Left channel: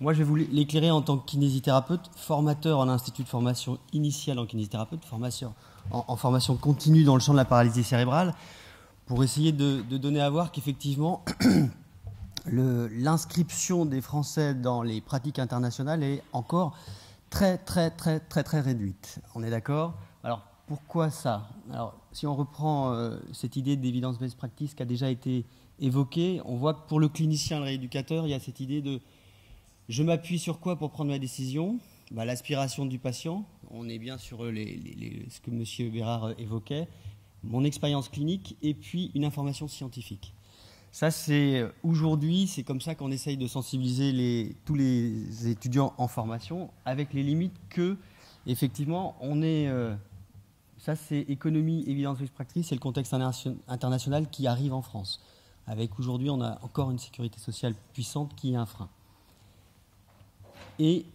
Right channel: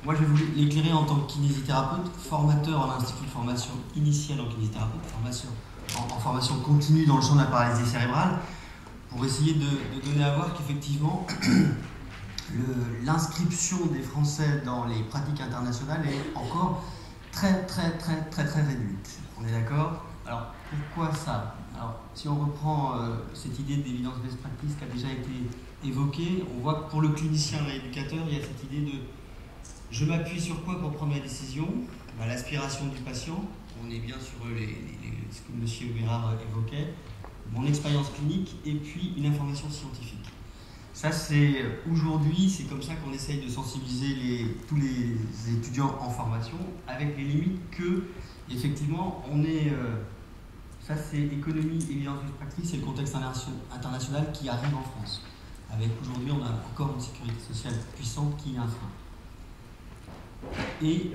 Moi, je vais vous l'éclairer en tant que kinésithérapeute, formateur en institut de formation initiale en kinésithérapeute, en formation continue dans le champ de la paralysie cérébrale, pour essayer de donner à voir qu'effectivement, l'inscription des Français dans les pratiques internationales est encore très réduite. On est d'accord? Alors, pourquoi ça? Alors, si on reprend cette idée d'évidence best practice qui a déjà été évoquée, on voit que pour le clinicien, le rééducateur, il y a cette idée de je m'appuie sur quoi pour prendre ma décision? L'aspiration du patient, on est bien sur ce que M. Bérard évoquait, mon expérience clinique et puis une information scientifique. Ça, c'est aujourd'hui, c'est comme ça qu'on essaye de sensibiliser tous les étudiants en formation, avec les limites que, effectivement, on est. Ça, c'est économie, évidence best practice, c'est le contexte international qui arrive en France. Avec aujourd'hui, on a encore une sécurité sociale puissante qui est un frein. Et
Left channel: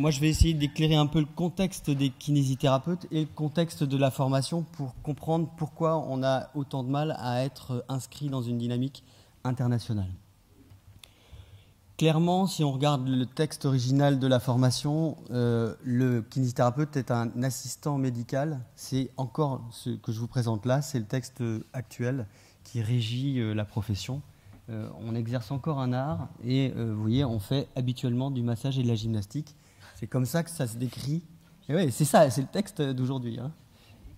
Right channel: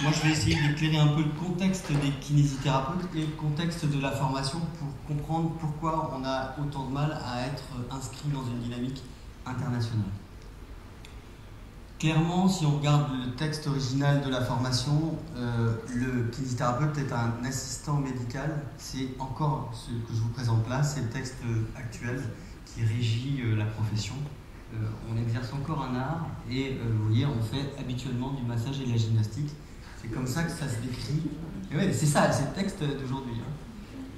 moi, je vais essayer d'éclairer un peu le contexte des kinésithérapeutes et le contexte de la formation pour comprendre pourquoi on a autant de mal à être inscrit dans une dynamique internationale. Clairement, si on regarde le texte original de la formation, le kinésithérapeute est un assistant médical. C'est encore ce que je vous présente là, c'est le texte actuel qui régit la profession. On exerce encore un art et vous voyez, on fait habituellement du massage et de la gymnastique. C'est comme ça que ça se décrit. Et ouais, c'est ça, c'est le texte d'aujourd'hui. Hein.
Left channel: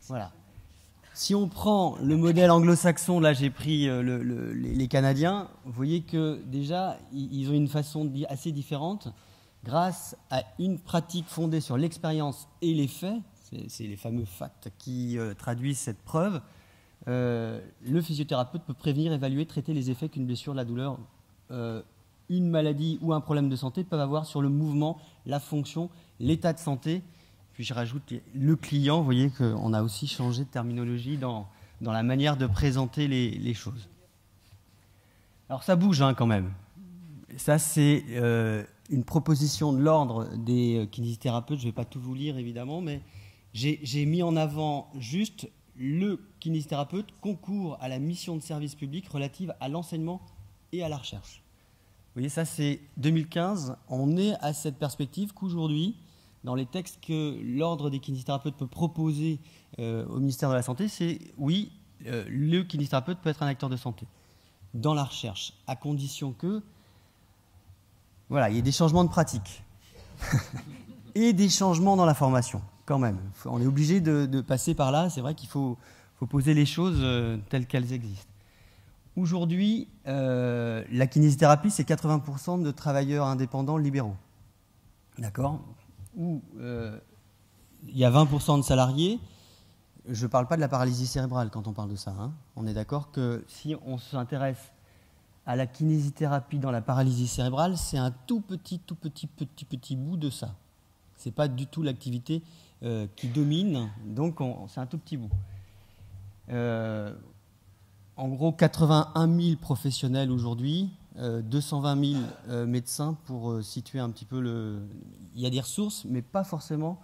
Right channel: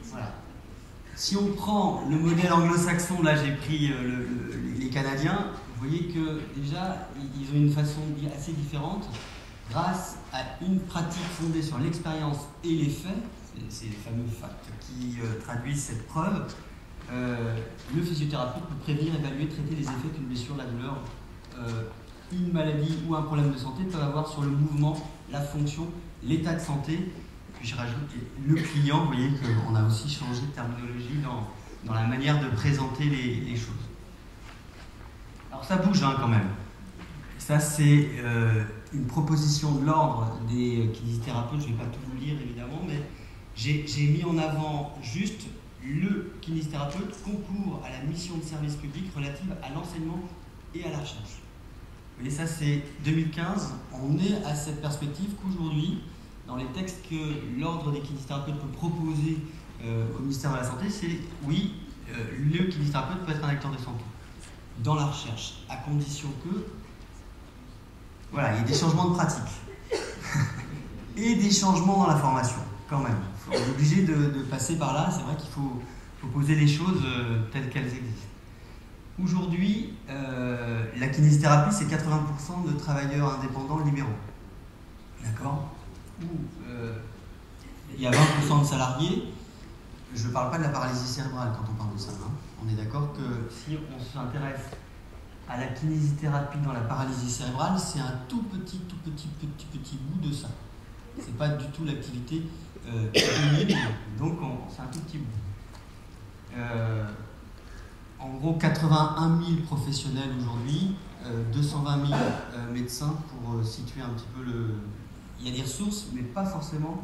Voilà. Si on prend le modèle anglo-saxon, là j'ai pris les Canadiens, vous voyez que déjà ils ont une façon de dire assez différente. Grâce à une pratique fondée sur l'expérience et les faits, c'est les fameux facts qui traduisent cette preuve. Le physiothérapeute peut prévenir, évaluer, traiter les effets qu'une blessure, la douleur, une maladie ou un problème de santé peuvent avoir sur le mouvement, la fonction, l'état de santé. Puis je rajoute le client, vous voyez qu'on a aussi changé de terminologie dans la manière de présenter les choses. Alors ça bouge quand même. Ça c'est une proposition de l'ordre des kinésithérapeutes, je ne vais pas tout vous lire évidemment, mais j'ai mis en avant juste le kinésithérapeute concourt à la mission de service public relative à l'enseignement et à la recherche. Vous voyez, ça c'est 2015. On est à cette perspective qu'aujourd'hui, dans les textes que l'ordre des kinésithérapeutes peut proposer au ministère de la Santé, c'est oui, le kinésithérapeute peut être un acteur de santé dans la recherche, à condition que voilà, il y ait des changements de pratique et des changements dans la formation. Quand même, on est obligé de passer par là, c'est vrai qu'il faut poser les choses telles qu'elles existent. Aujourd'hui, la kinésithérapie, c'est 80% de travailleurs indépendants libéraux. D'accord? Où il y a 20% de salariés. Je ne parle pas de la paralysie cérébrale quand on parle de ça. Hein. On est d'accord que si on s'intéresse à la kinésithérapie dans la paralysie cérébrale, c'est un tout petit bout de ça. C'est pas du tout l'activité éponyme, donc c'est un tout petit bout. En gros, 81 000 professionnels aujourd'hui, 220 000 médecins pour situer un petit peu le... Il y a des ressources, mais pas forcément.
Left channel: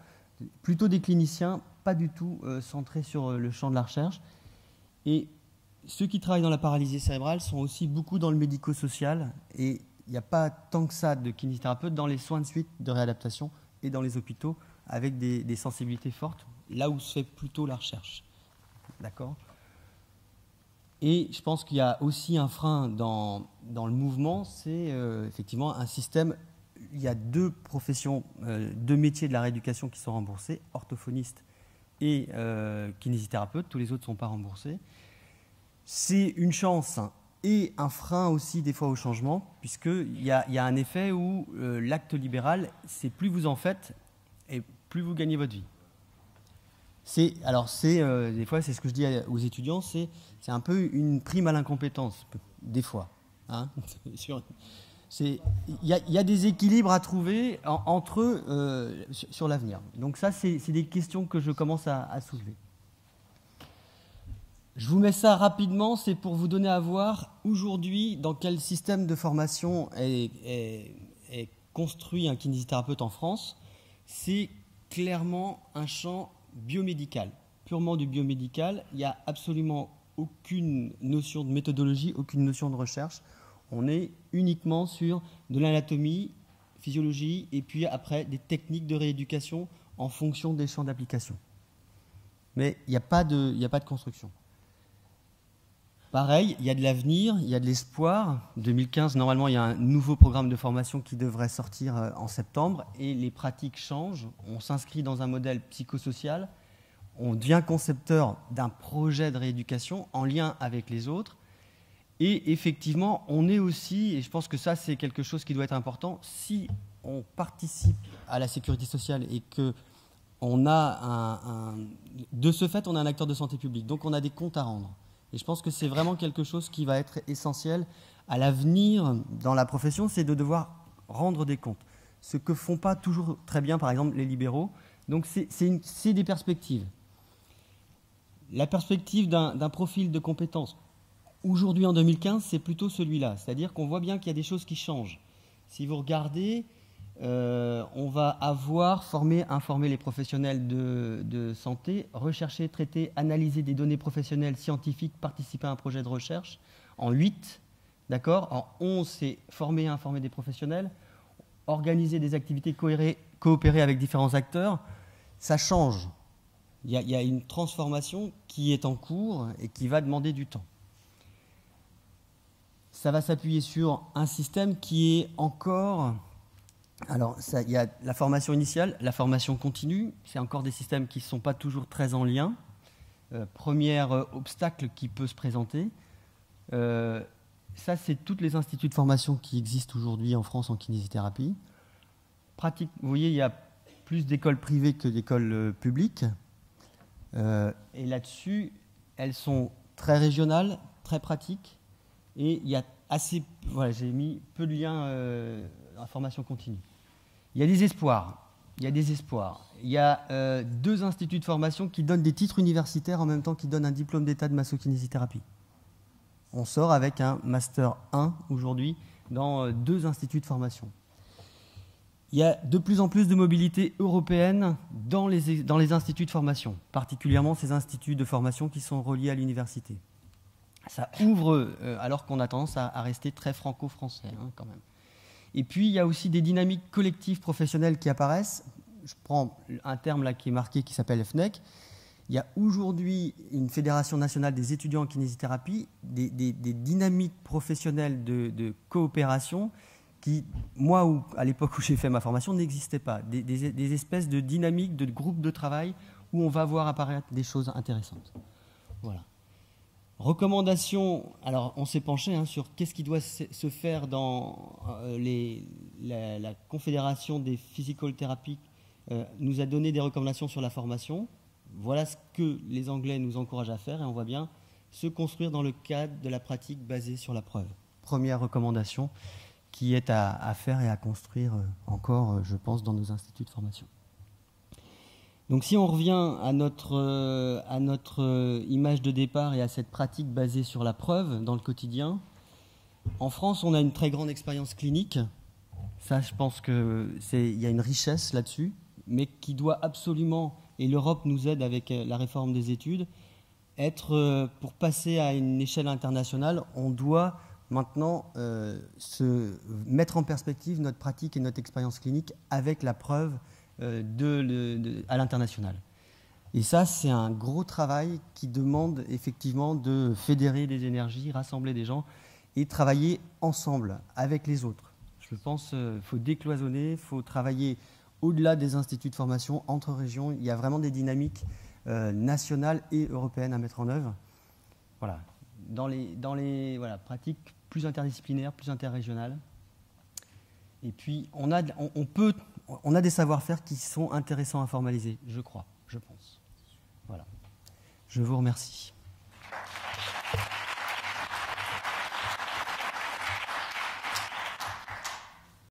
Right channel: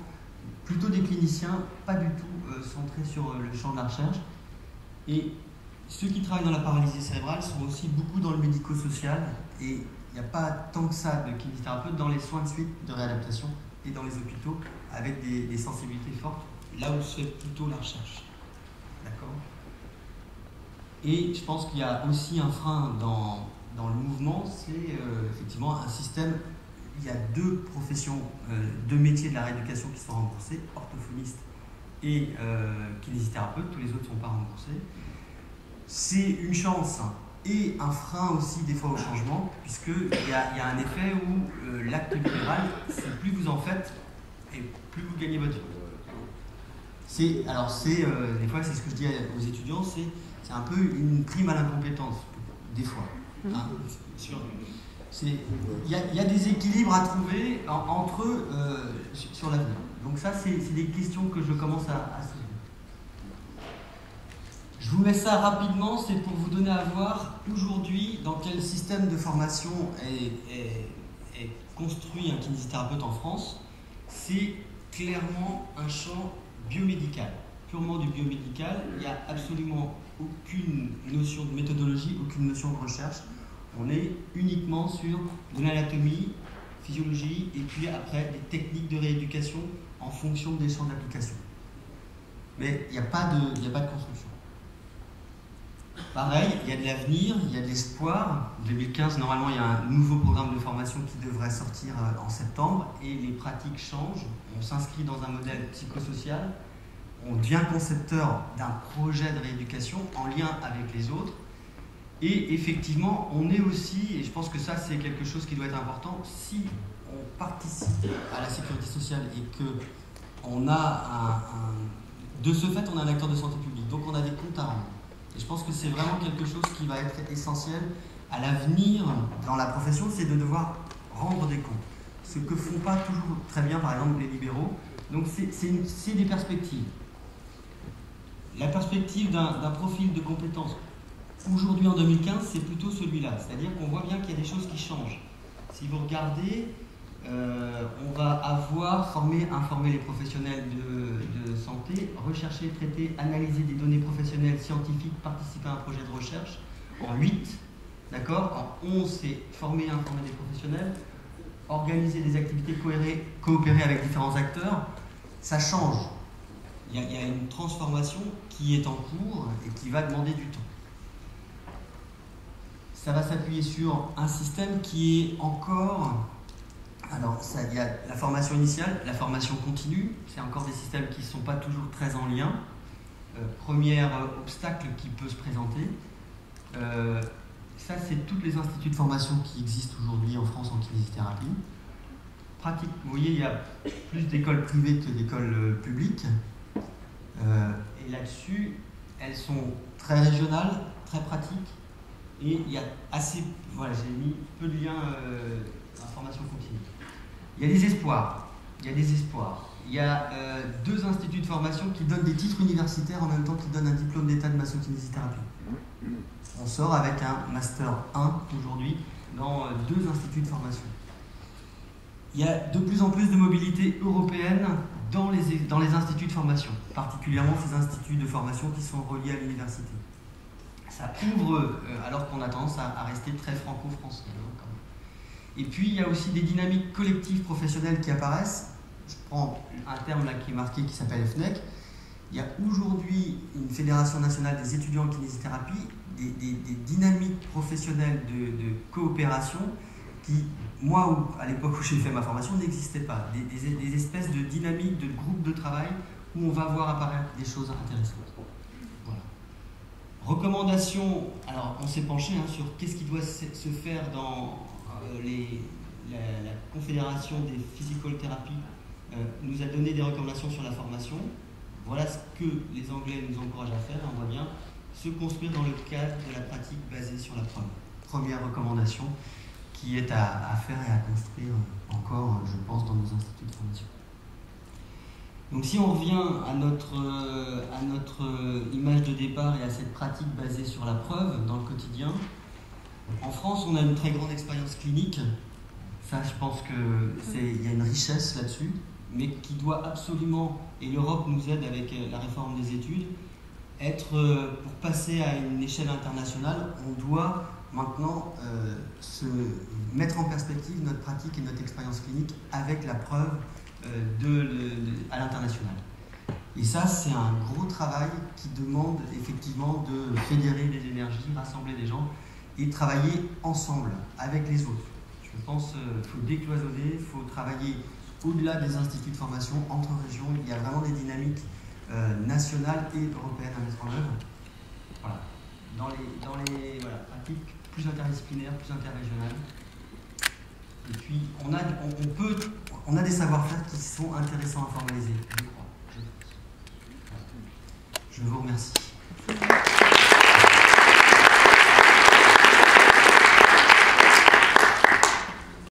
Plutôt des cliniciens, pas du tout centrés sur le champ de la recherche. Et ceux qui travaillent dans la paralysie cérébrale sont aussi beaucoup dans le médico-social. Et il n'y a pas tant que ça de kinésithérapeutes dans les soins de suite, de réadaptation et dans les hôpitaux avec des sensibilités fortes, là où se fait plutôt la recherche. D'accord? Et je pense qu'il y a aussi un frein dans le mouvement, c'est effectivement un système. Il y a deux professions, deux métiers de la rééducation qui sont remboursés, orthophoniste et kinésithérapeute, tous les autres ne sont pas remboursés. C'est une chance et un frein aussi des fois au changement, puisqu'il y a un effet où l'acte libéral, c'est plus vous en faites et plus vous gagnez votre vie. Des fois, c'est ce que je dis aux étudiants, c'est un peu une prime à l'incompétence, des fois. Hein, il y a des équilibres à trouver entre eux sur l'avenir. Donc ça, c'est des questions que je commence à soulever. Je vous mets ça rapidement, c'est pour vous donner à voir aujourd'hui dans quel système de formation est construit un kinésithérapeute en France. C'est clairement un champ biomédical, purement du biomédical. Il n'y a absolument aucune notion de méthodologie, aucune notion de recherche. On est uniquement sur de l'anatomie physiologie, et puis après des techniques de rééducation en fonction des champs d'application. Mais il n'y a pas de construction. Pareil, il y a de l'avenir, il y a de l'espoir. 2015, normalement, il y a un nouveau programme de formation qui devrait sortir en septembre, et les pratiques changent. On s'inscrit dans un modèle psychosocial, on devient concepteur d'un projet de rééducation en lien avec les autres. Et effectivement, on est aussi, et je pense que ça c'est quelque chose qui doit être important, si on participe à la sécurité sociale et que on a de ce fait on a un acteur de santé publique, donc on a des comptes à rendre. Et je pense que c'est vraiment quelque chose qui va être essentiel à l'avenir dans la profession, c'est de devoir rendre des comptes. Ce que font pas toujours très bien par exemple les libéraux, donc c'est des perspectives. La perspective d'un profil de compétences aujourd'hui en 2015, c'est plutôt celui-là. C'est-à-dire qu'on voit bien qu'il y a des choses qui changent. Si vous regardez, on va avoir informer les professionnels de santé, rechercher, traiter, analyser des données professionnelles scientifiques, participer à un projet de recherche. En 8, d'accord. En 11, c'est former, informer des professionnels, organiser des activités, coopérer avec différents acteurs. Ça change. Il y a une transformation qui est en cours et qui va demander du temps. Ça va s'appuyer sur un système qui est encore... Alors, il y a la formation initiale, la formation continue, c'est encore des systèmes qui ne sont pas toujours très en lien. Premier obstacle qui peut se présenter. Ça, c'est tous les instituts de formation qui existent aujourd'hui en France en kinésithérapie. Vous voyez, il y a plus d'écoles privées que d'écoles publiques. Et là-dessus, elles sont très régionales, très pratiques. Et il y a assez... Voilà, j'ai mis peu de liens à la formation continue. Il y a des espoirs. Il y a 2 instituts de formation qui donnent des titres universitaires en même temps qu'ils donnent un diplôme d'état de massokinésithérapie. On sort avec un Master 1 aujourd'hui dans 2 instituts de formation. Il y a de plus en plus de mobilité européenne dans les instituts de formation, particulièrement ces instituts de formation qui sont reliés à l'université. Ça ouvre, alors qu'on a tendance à rester très franco-français, quand même. Et puis, il y a aussi des dynamiques collectives professionnelles qui apparaissent. Je prends un terme là qui est marqué, qui s'appelle FNEC. Il y a aujourd'hui une fédération nationale des étudiants en kinésithérapie, des dynamiques professionnelles de coopération qui, moi, à l'époque où j'ai fait ma formation, n'existaient pas. Des espèces de dynamiques de groupes de travail où on va voir apparaître des choses intéressantes. Voilà. Recommandations, alors on s'est penché sur qu'est-ce qui doit se faire dans la Confédération des Physical Therapy nous a donné des recommandations sur la formation. Voilà ce que les Anglais nous encouragent à faire et on voit bien se construire dans le cadre de la pratique basée sur la preuve. Première recommandation qui est à faire et à construire encore, je pense, dans nos instituts de formation. Donc si on revient à notre image de départ et à cette pratique basée sur la preuve dans le quotidien, en France on a une très grande expérience clinique, ça je pense qu'il y a une richesse là-dessus, mais qui doit absolument, et l'Europe nous aide avec la réforme des études, pour passer à une échelle internationale, on doit maintenant se mettre en perspective notre pratique et notre expérience clinique avec la preuve à l'international. Et ça, c'est un gros travail qui demande effectivement de fédérer des énergies, rassembler des gens et travailler ensemble avec les autres. Je pense qu'il faut décloisonner, il faut travailler au-delà des instituts de formation, entre régions. Il y a vraiment des dynamiques nationales et européennes à mettre en œuvre. Voilà. Dans les pratiques plus interdisciplinaires, plus interrégionales. Et puis, on a des savoir-faire qui sont intéressants à formaliser, je crois, je pense. Voilà. Je vous remercie.